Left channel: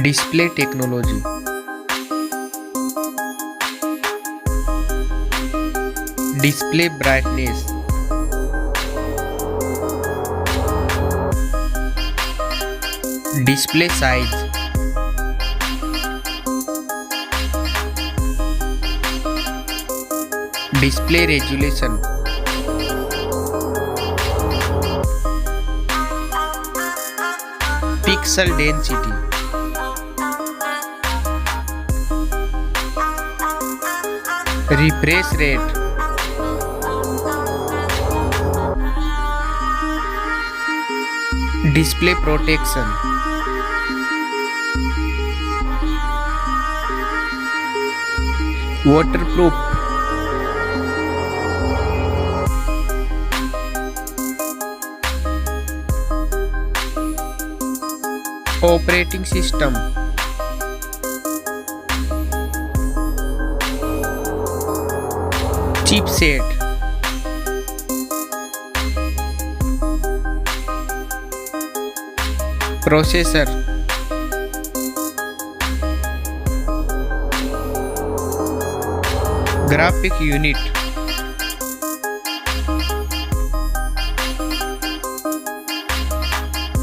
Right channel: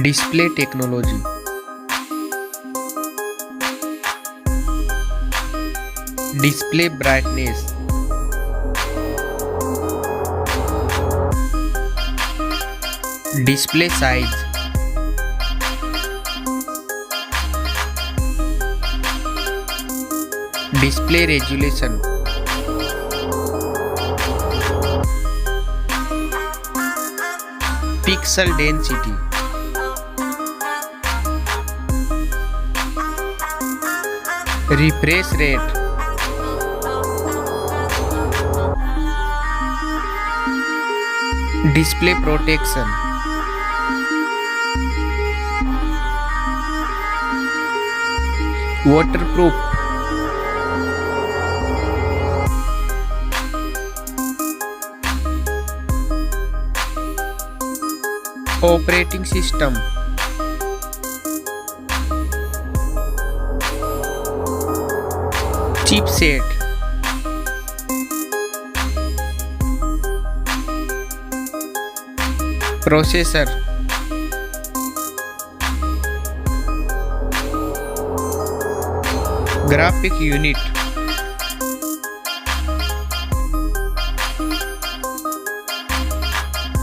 Display technology. Display brightness. Display size. Display resolution. Pixel density. Refresh rate. Display protection. Waterproof. Operating system. Chipset. Processor. Graphic unit.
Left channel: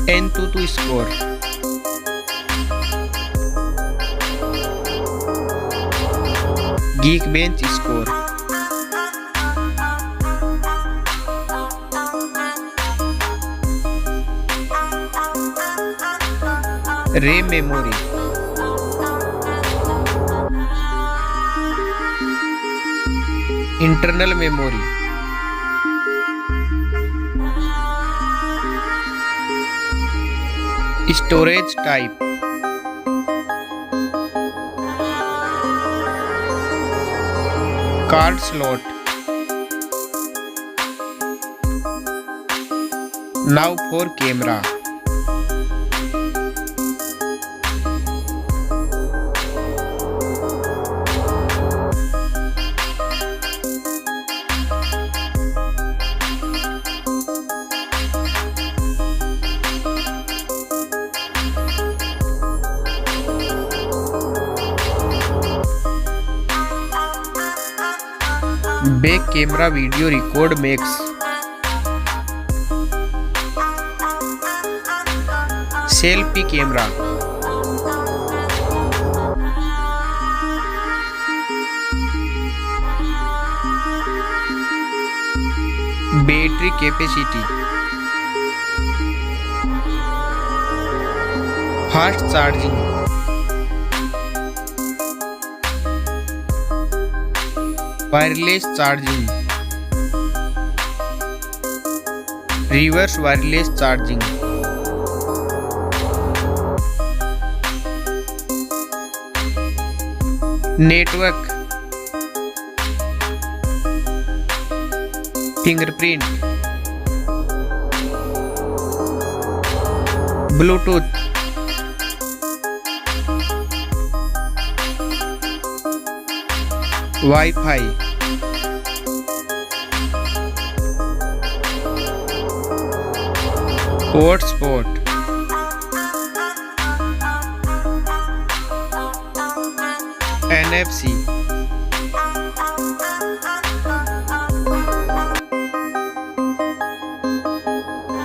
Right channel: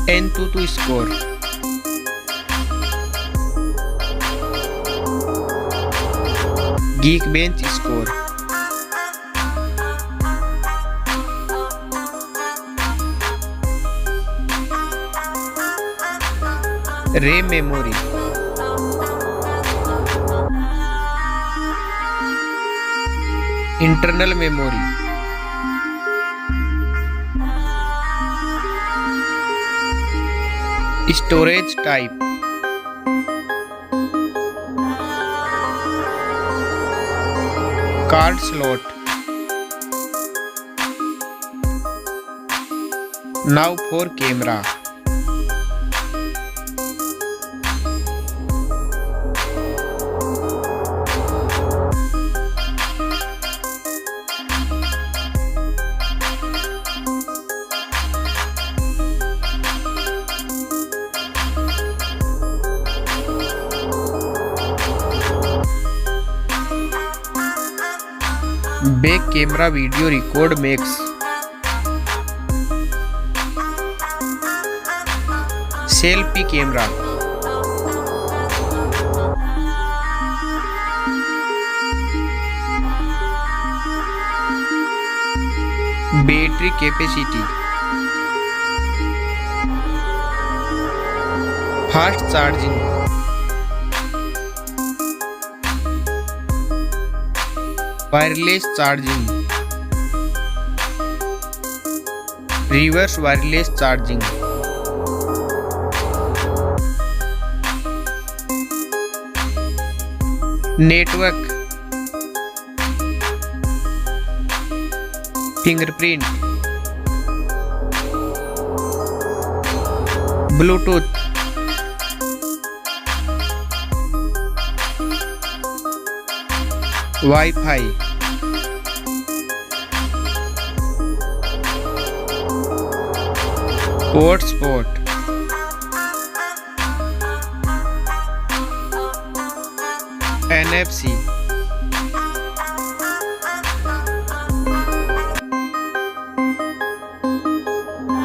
AnTuTu score. Geekbench score. RAM memory. Internal memory. Storage type. Card slot. Now for camera. Back camera video record makes. Selfie camera. Battery capacity. Fast charging. Wireless charging. Reverse wireless charging. Network. Fingerprint. Bluetooth. Wi-Fi. Hotspot. NFC.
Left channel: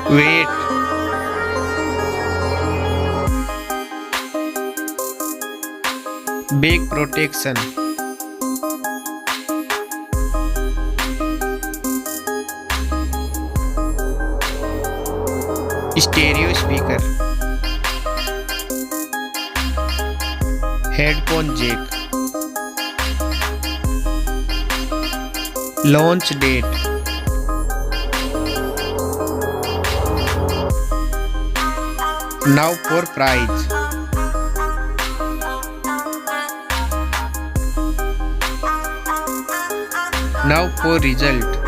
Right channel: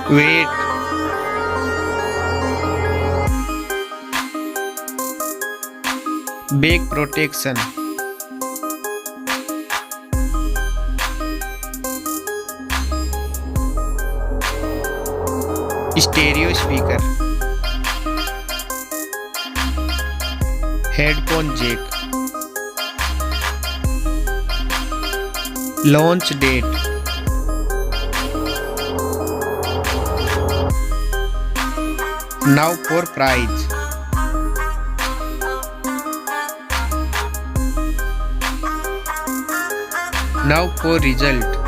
Weight. Back protection. Stereo speaker. Headphone jack. Launch date. Now for price. Now for result.